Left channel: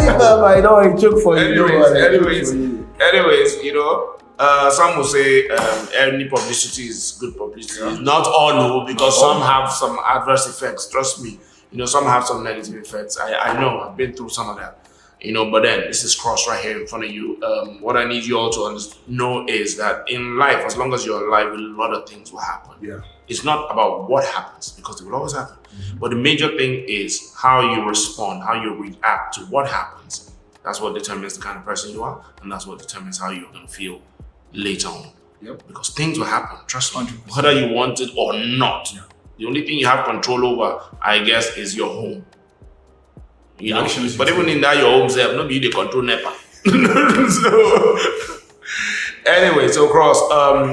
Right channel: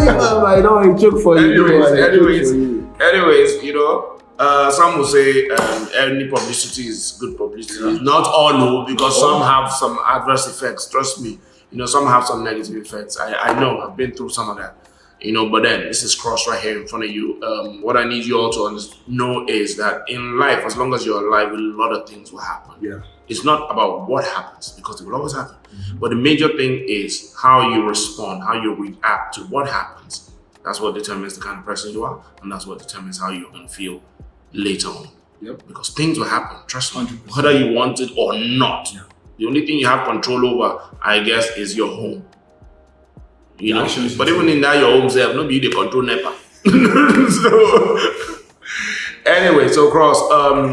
I know I joke for you. Anyways, some will say any publicity is good publicity. Yeah. Not all, because some have some adverse effects. Trust me. Some have some negative effects. I know. I've been through some of that. But then this is Cross right here in front of you. What I need you all to know is that in life, as long as you're alive, a lot of things will happen. Yeah. It's not about what happens, because it will always happen. Mm-hmm. But the major thing is how you respond, how you react to what happens. That's what determines the kind of person you are, and that's what determines how you're going to feel later on. Yep. Because things will happen, trust me, 100%. whether you want it or not. Yeah. The only thing you have control over, I guess, is your home. But even in that, your home self, nobody they control NEPA. So, anyway, so Cross,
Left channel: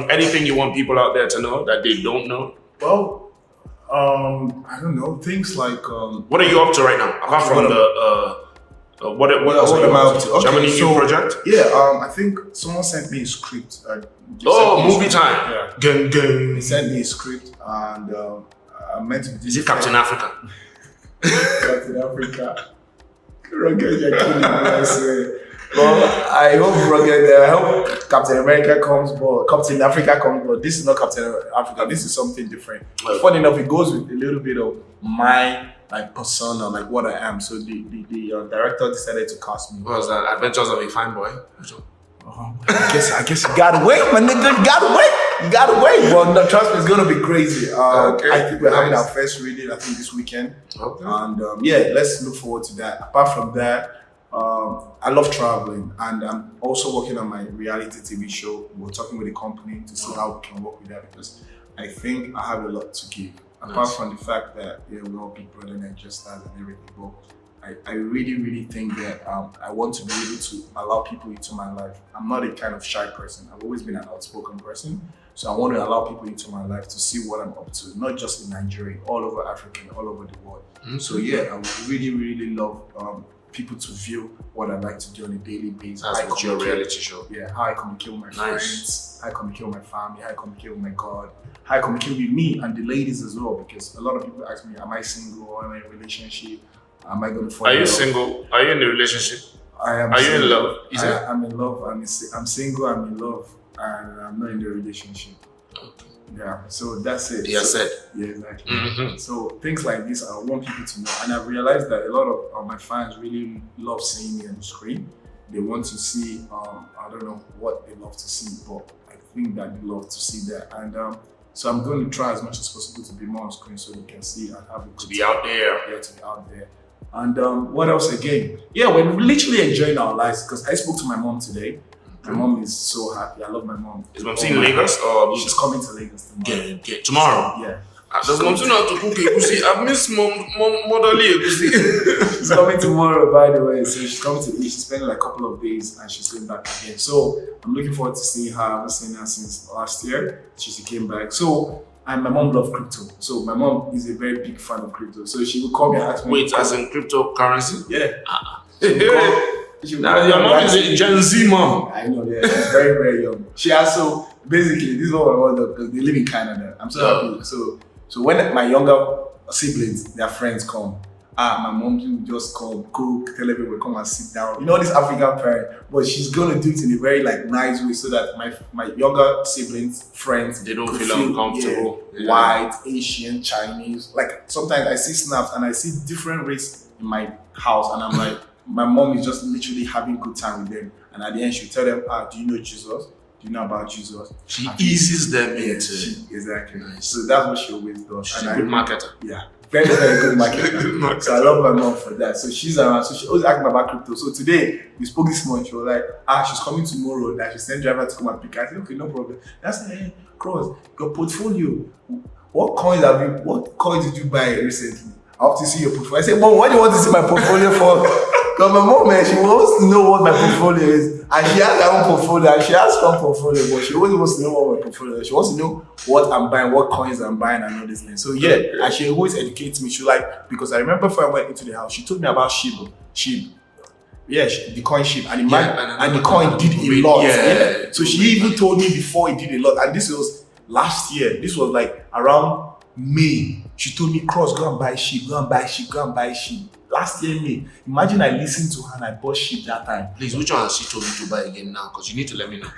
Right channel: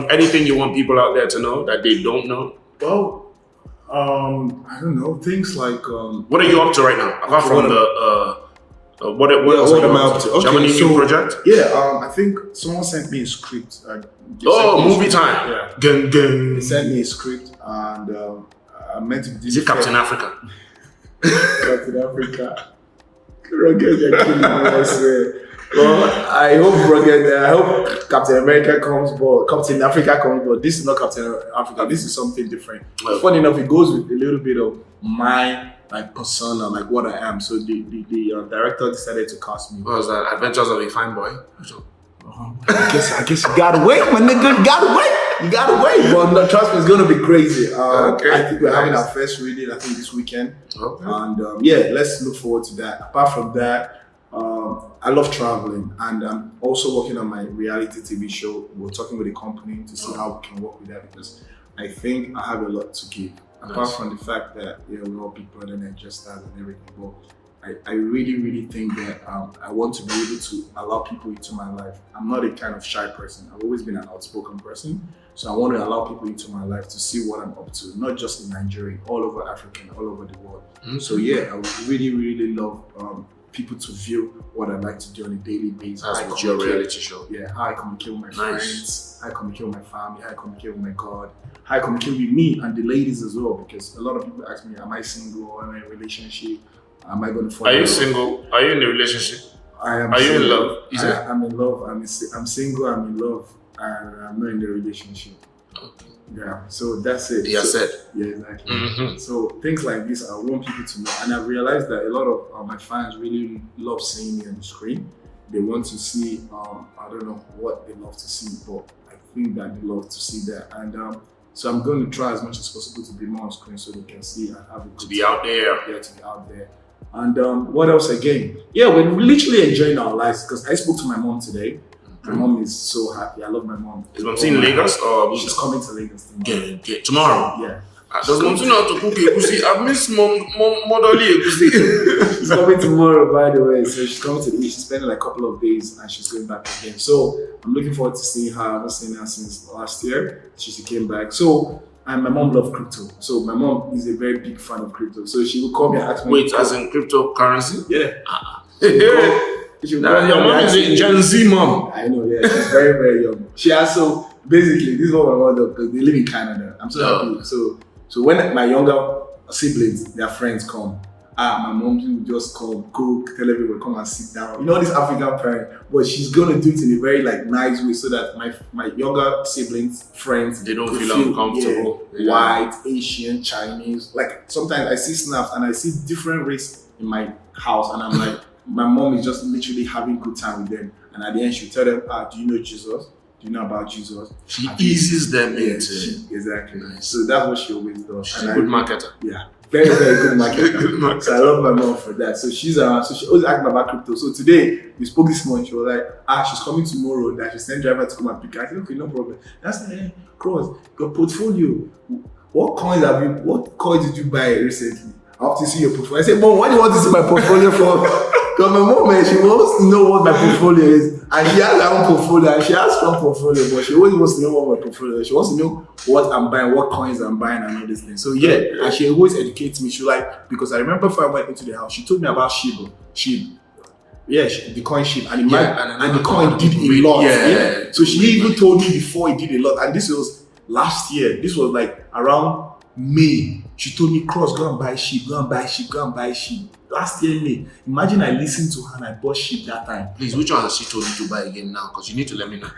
anything you want people out there to know that they don't know? Well, I don't know, things like what are you up to right now? Apart from what else are you up to? Do you have any new project? Yeah, I think someone sent me a script. Movie time. Yeah. Gang. They sent me a script, and I meant to do. Is it Captain Africa? Captain Africa. Rugged, you're killing me, I swear. Well, I hope I hope Captain America comes, but Captain Africa comes, but this is not Captain Africa. This is something different. Okay. Funny enough, it goes with a little bit of my persona, like what I am. So the director decided to cast me. What was that? Adventures of a Fine Boy? I guess you gotta wait, my nigga. You gotta wait. But no, trust me, it's gonna be crazy. Okay. I think we're having our first reading, I think, this weekend. Okay. And let's look forward to that. Apart from that, I love traveling, and I'm also working on my reality TV show. We're talking with the company to see how we can work with that, because I think I have a lot to give. Apart from the fact that we're all big brother and just stars and everything, but I really, really think that I want to be able to allow people into my life. I'm not a kind of shy person. I've always been an outspoken person. So I want to allow people into my life to see what I'm up to, not just in Nigeria, all over Africa, all over the world. Mm-hmm. So I would really, really love people to view what I like to do on a daily basis. That's what your reality show. Yeah, how I communicate with my friends, how I communicate with my family, how I communicate with my God, how I communicate with me and the ladies as well, because a lot of people ask me, am I single or am I in a relationship? Am I going to fall in love? Are you single? Are you in a relationship? I am. Are you in love? I'm in love. I'm single, I'm in love, and I'm not in a relationship. Okay. Yeah, so that's it. Yeah, said. Yeah, exactly. Mm-hmm. So things like this, I want people to know. And I realized that a lot of my fans really love seeing me on the screen. They want to see, I don't know what they love to see, but I think that they love to see that. And so I'm going to try as much as possible to be more on screen so they can see and have a good to be out there. Yeah, to be out there. And what else again? Yeah, we're literally enjoying our lives, because I spoke to my mom today. My mom is so happy. I love my mom. Is mom in Lagos or she's coming to Lagos tomorrow? Tomorrow? Yeah. Does mom know how to cook egusi? I've missed motherly egusi. She's coming tomorrow, by the way. So she's coming to East. She's spending like a couple of days and she's going back again. So I'm looking forward to seeing her. I haven't seen her since last year. She came back. So, and my mom loves crypto. So my mom is a very big fan of crypto. So she will call me and ask me. Wait, as in cryptocurrency? Yeah. Now, your mom is a Gen Z mom. I know, yeah. She's very, very young. She also, basically, this is what my mom does, because they live in Canada. I'm so happy. So when my younger siblings, their friends come, my mom will just come, cook, tell everyone, come and sit down. You know, this African parent, but she's gonna do it in a very nice way so that my younger siblings, friends, they don't feel uncomfortable. Yeah, white, Asian, Chinese. Like sometimes I see snaps and I see different race in my house, and I'm like, my mom is just literally having a good time with them. And at the end, she'll tell them, do you know Jesus? Do you know about Jesus? She eases them into exactly. Nice. So that's what she always does. She's a good marketer. Yeah. Very, very good marketer. So I love my mom for that. So she's around. So she always asks me about crypto. So today, we spoke this morning. She was like, she's coming tomorrow. That she sent driver to come and pick her. I said, okay, no problem. That's Cross, your portfolio. What coins did you buy recently? I have to see your portfolio. I said, Mom, why do you want to see my portfolio for? Because my mom, she wants to know what my portfolio is. And she has her own portfolio, and she has strong portfolio, but she always wants to know what my portfolio is. She wants to know what I'm buying, what coins I'm buying, and all these things. So and she always educates me. She because I remember before I went into the house, she told me about SHIB. Yeah, the coin SHIB. And the coin did a lot. Yeah. So she even told me before it did a lot. And this was last year. This was like around May She told me, Cross, go and buy sheep, go and buy sheep, go and buy sheep. Last year, May. Imagine I listened to her and I bought sheep that time. Please, which one has she told you to buy again now? Because you need to let me know.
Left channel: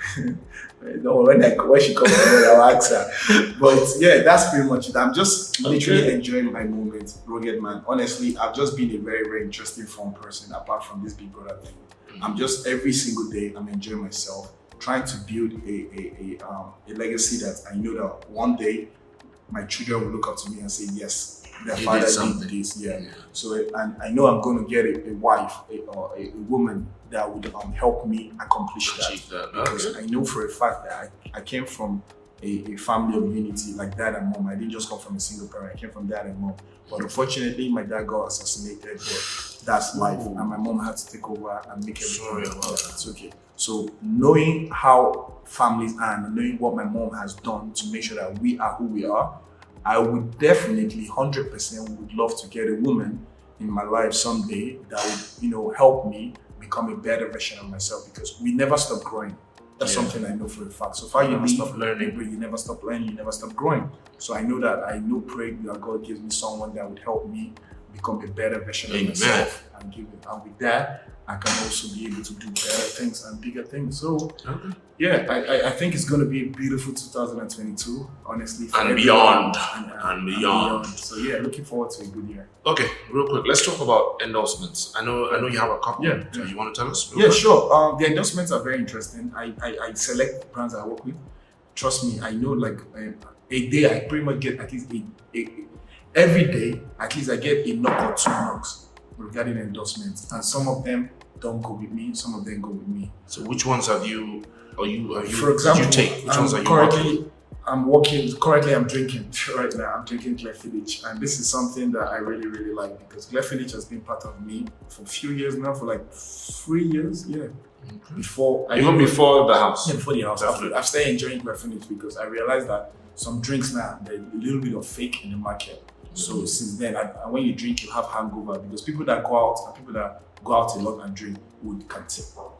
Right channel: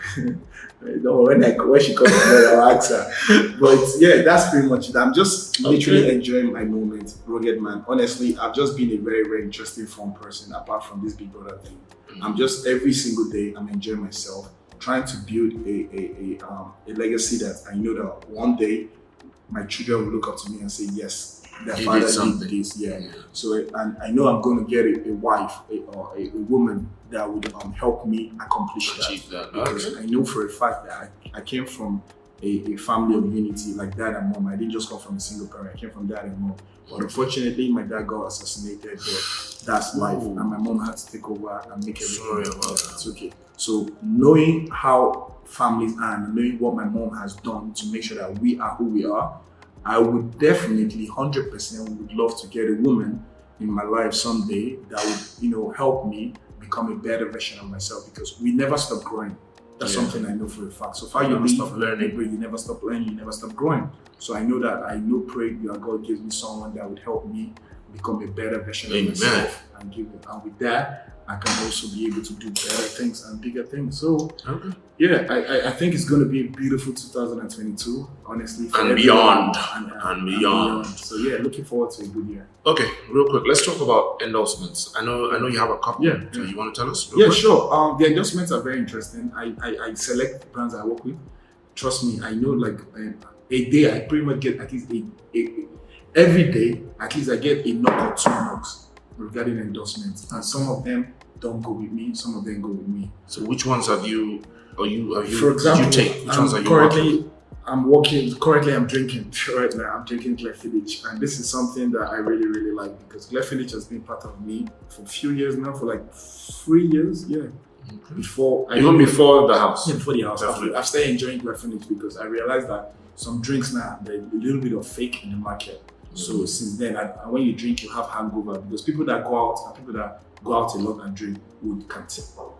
No, when she comes tomorrow, I'll ask her. But yeah, that's pretty much it. I'm just literally enjoying my moment, rugged man. Honestly, I've just been a very, very interesting, fun person apart from this Big Brother thing. I'm just every single day I'm enjoying myself, trying to build a legacy that I know that one day my children will look up to me and say, yes, their father did this. Yeah. So, and I know I'm going to get a wife or a woman that would help me accomplish that. Because I know for a fact that I came from a family of unity, like dad and mom. I didn't just come from a single parent. I came from dad and mom. But unfortunately, my dad got assassinated. But that's life. And my mom had to take over and make everything. Sorry about that. It's okay. So knowing how families are and knowing what my mom has done to make sure that we are who we are, I would definitely 100% would love to get a woman in my life someday that would, help me become a better version of myself, because we never stop growing. That's something I know for a fact. So far, you never stop learning. You never stop learning. You never stop growing. So I know that pray that God gives me someone that would help me become a better version of myself, and with that, I can also be able to do better things and bigger things. So yeah, I think it's going to be a beautiful 2022, honestly. And beyond. And beyond. So yeah, looking forward to a good year. Okay, real quick, let's talk about endorsements. I know you have a couple. Yeah. So you want to tell us? Real quick? Sure. The endorsements are very interesting. I select brands that I work with. Trust me, I know like a day I pretty much get at least every day, at least I get a knock or two knocks regarding endorsements, and some of them don't go with me, some of them go with me. So which ones have you for example, did you take? Which ones are you working? Currently I'm drinking right now. I'm drinking Glenfiddich, and this is something that I really, really like, because Glenfiddich has been part of me for a few years now, for like 3 years, yeah. Okay. Before the house. Yeah, before the house. I've started enjoying Glenfiddich because I realized that some drinks now, there's a little bit of fake in the market. So since then, and when you drink, you have hangover, because people that go out and people that go out a lot and drink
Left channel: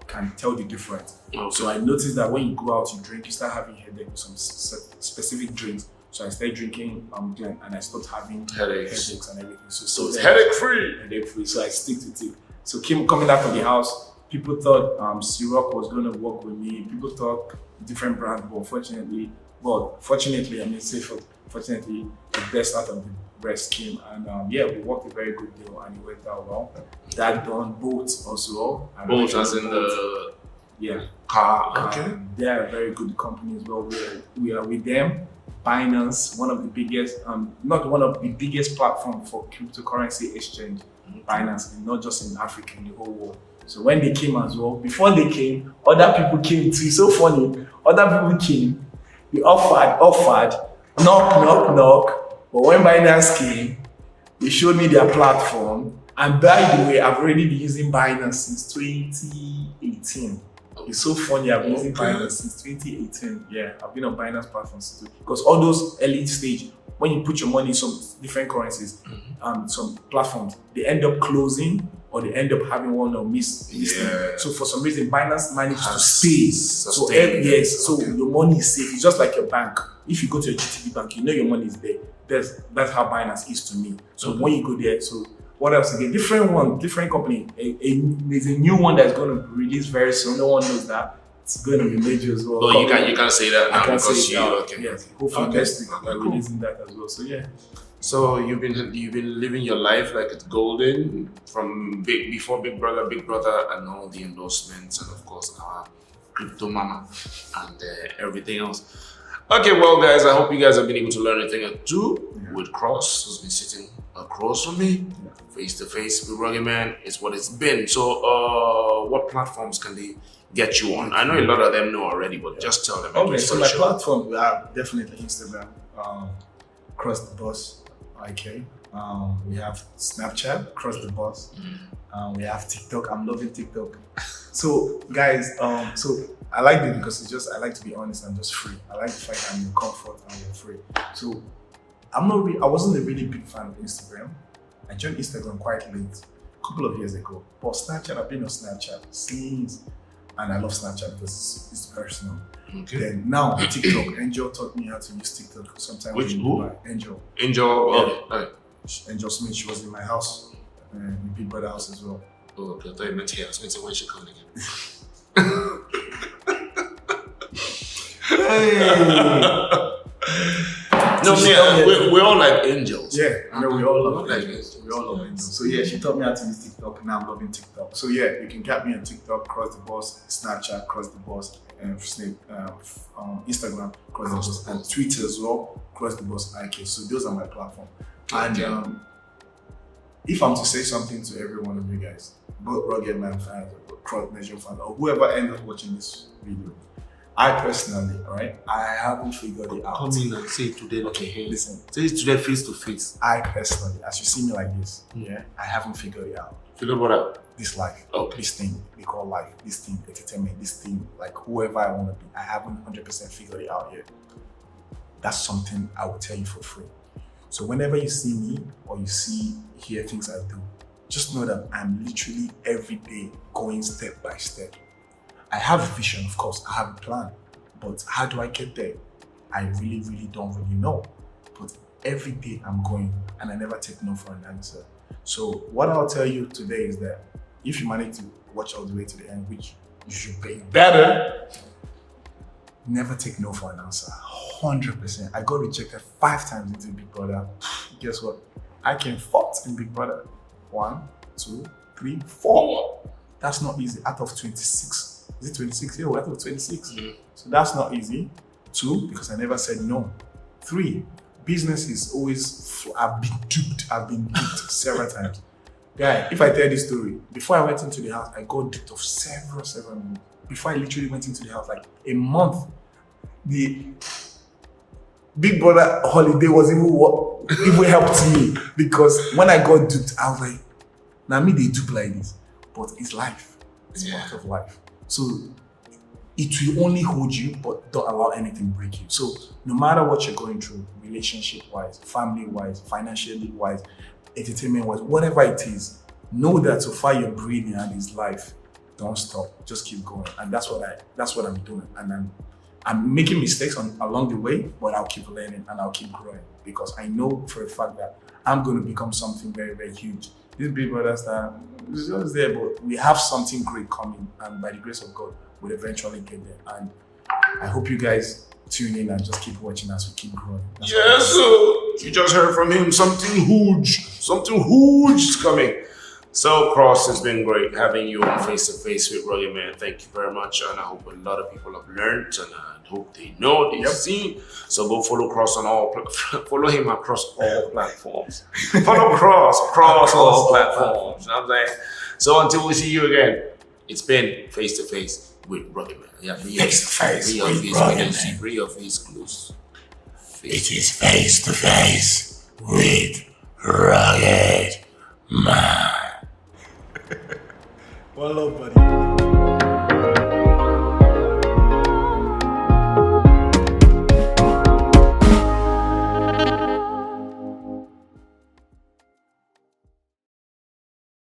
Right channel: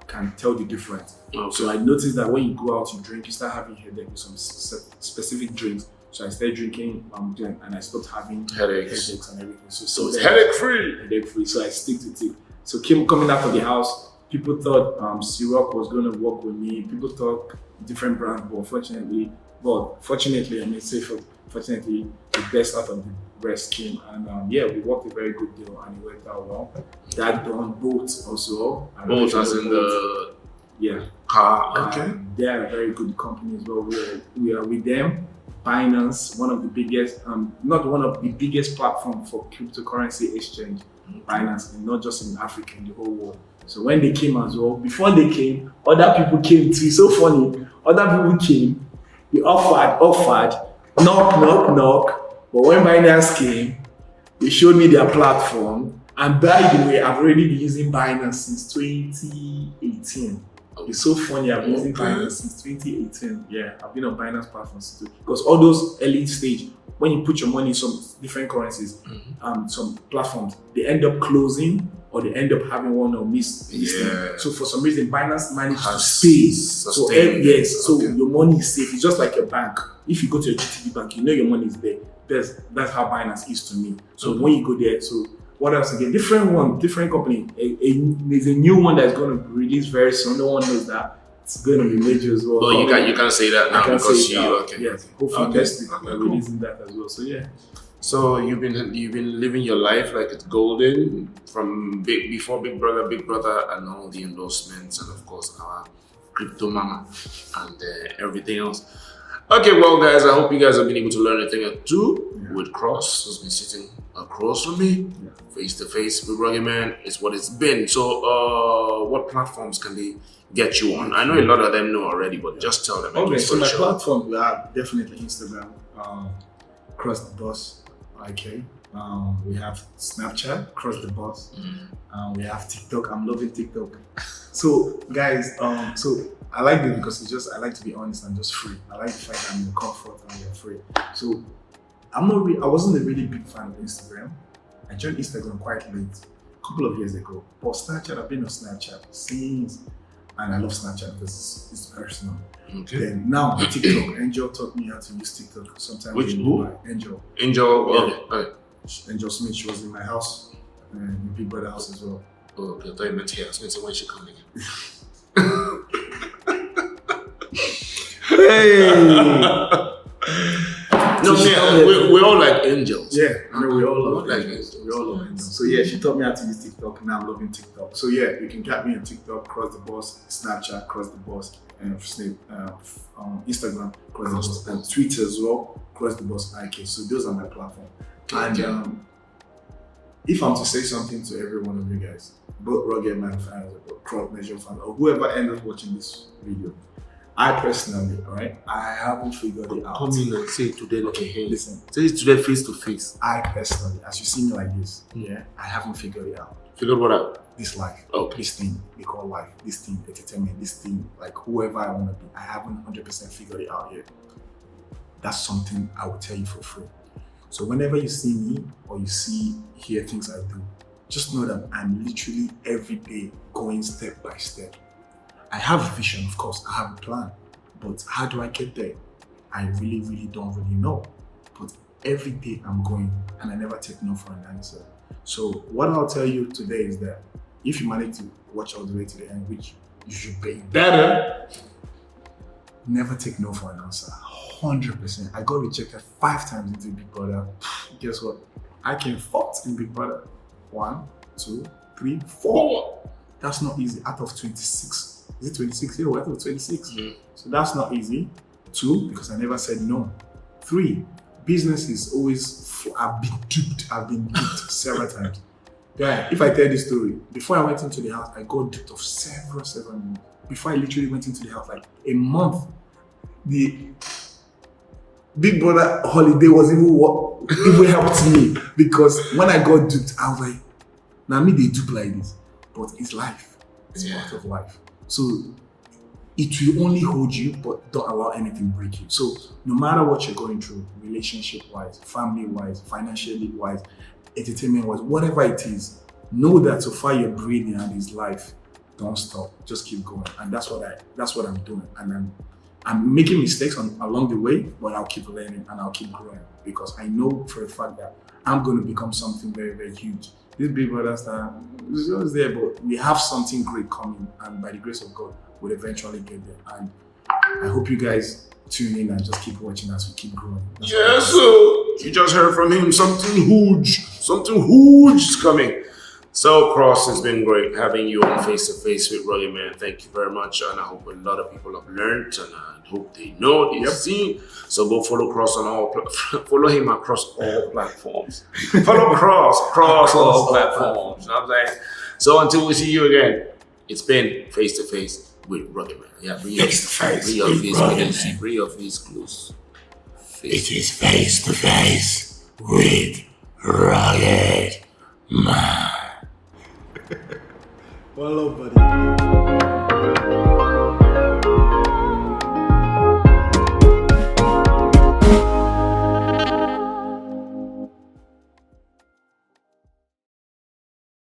can tell the difference. Okay. So I noticed that when you go out, you drink, you start having headache with some specific drinks. So I started drinking Glen, and I stopped having headaches and everything. So it's headache free. Headache free. So I stick to it. So coming out from the house, people thought syrup was going to work with me. People thought different brands, but fortunately, fortunately, the best out of the rest came, and we worked a very good deal, and it worked out well. That done boats also. Boats as in the car. Okay. They are a very good company as well. We are with them. Binance, one of the biggest, not one of the biggest platform for cryptocurrency exchange. Binance, and not just in Africa, in the whole world. So when they came as well, before they came, other people came too. It's so funny. Other people came. They offered, knock. But when Binance came, they showed me their platform. And by the way, I've already been using Binance since 2018. It's so funny, I've been using Binance since 2018. Yeah, I've been on Binance platforms because all those elite stage, when you put your money in some different currencies, some platforms, they end up closing or they end up having one or miss. Yeah. So for some reason, Binance managed to stay. So your money is safe. It's just like a bank. If you go to a GTB bank, you know your money is there. That's how Binance is to me. So when you go there, so what else again? Different company. There's a new one that's going to release very soon. No one knows that. It's going to be major as well. But you can't say that now because Yes, hopefully next week we're releasing that as well. So yeah. So you've been living your life like it's golden from before Big Brother, and all the endorsements, and of course our crypto mama and everything else. Okay, well guys, I hope you guys have been able to learn a thing or two with Cross, who's been sitting across from me, face to face with Rugged Man. Is what it's been. So what platforms can they get you on? I know a lot of them know already, but just tell them. Okay, so my platform, we have definitely Instagram, Cross the Boss, IK. We have Snapchat, Cross the Boss. We have TikTok. I'm loving TikTok. So guys, so I like it because I like to be honest and just free. I like the fact that I'm in comfort and I'm free. So I wasn't a really big fan of Instagram. I joined Instagram quite late, a couple of years ago. But Snapchat, I've been on Snapchat since and I love Snapchat because it's personal. Okay. Then now TikTok, Angel taught me how to use TikTok. Sometimes Which who? Angel. Angel. Yeah. Okay. Angel Smith. She was in my house, in Big Brother house as well. Oh, okay. I thought you meant here. I was going to say when she coming again. Hey. No, So she taught me we all like angels. Yeah, I know we all love like angels. angels. We all love angels. So yeah, she taught me how to use TikTok. Now I'm loving TikTok. So yeah, you can get me on TikTok, Cross the Boss, Snapchat, Cross the Boss, and Instagram, Cross the Boss, and Twitter as well, Cross the Boss IK. So those are my platforms. And if I'm to say something to every one of you guys, both Rugged Man fans, or Cross Measure fans, or whoever ends up watching this video, I personally, right, I haven't figured it out. Come in and say it today like a hand. Listen, Say it today face to face. I personally, as you see me like this, I haven't figured it out. Figure what out? This life, Okay. this thing we call life, this thing, entertainment, this thing, like whoever I want to be, I haven't 100% figured it out yet. That's something I will tell you for free. So whenever you see me or you hear things I do, just know that I'm literally every day going step by step. I have a vision, of course, I have a plan, but how do I get there? I really don't really know. But every day I'm going and I never take no for an answer. So what I'll tell you today is that if you manage to watch all the way to the end, which you should be better, never take no for an answer. 100%. I got rejected 5 times into Big Brother. Guess what? I came 4th in Big Brother. 1, 2, 3, 4. That's not easy. Out of 26. Is it 26? Yeah, out of 26. So that's not easy. 2, because I never said no. 3, business is always, I've been duped several times. Guy, if I tell this story, before I went into the house, I got duped of several minutes. Before I literally went into the house, like a month, the Big Brother holiday was even what even helped me, because when I got duped, I was like, now me they dupe like this, but it's life. It's part of life. So it will only hold you, but don't allow anything break you. So no matter what you're going through, relationship-wise, family-wise, financially-wise, entertainment-wise, whatever it is, know that so far you're breathing and it's life. Don't stop. Just keep going. And that's what I'm doing. And I'm making mistakes along the way, but I'll keep learning and I'll keep growing, because I know for a fact that I'm going to become something very, very huge. This Big Brother star is always there, but we have something great coming, and by the grace of God, we'll eventually get there. And I hope you guys tune in and just keep watching as we keep growing. Yes, so you just heard from him. Something huge is coming. So, Cross, it's been great having you on Face to Face with Rugged Man. Thank you very much, and I hope a lot of people have learned, and I hope they know, they've seen. So go follow Cross on follow him across all platforms. Follow Cross across all platforms. You know what I'm saying? So until we see you again, it's been Face to Face with Rugged Man. Yeah, bring your face close. It is Face to Face with Rugged Man. Well, love, buddy.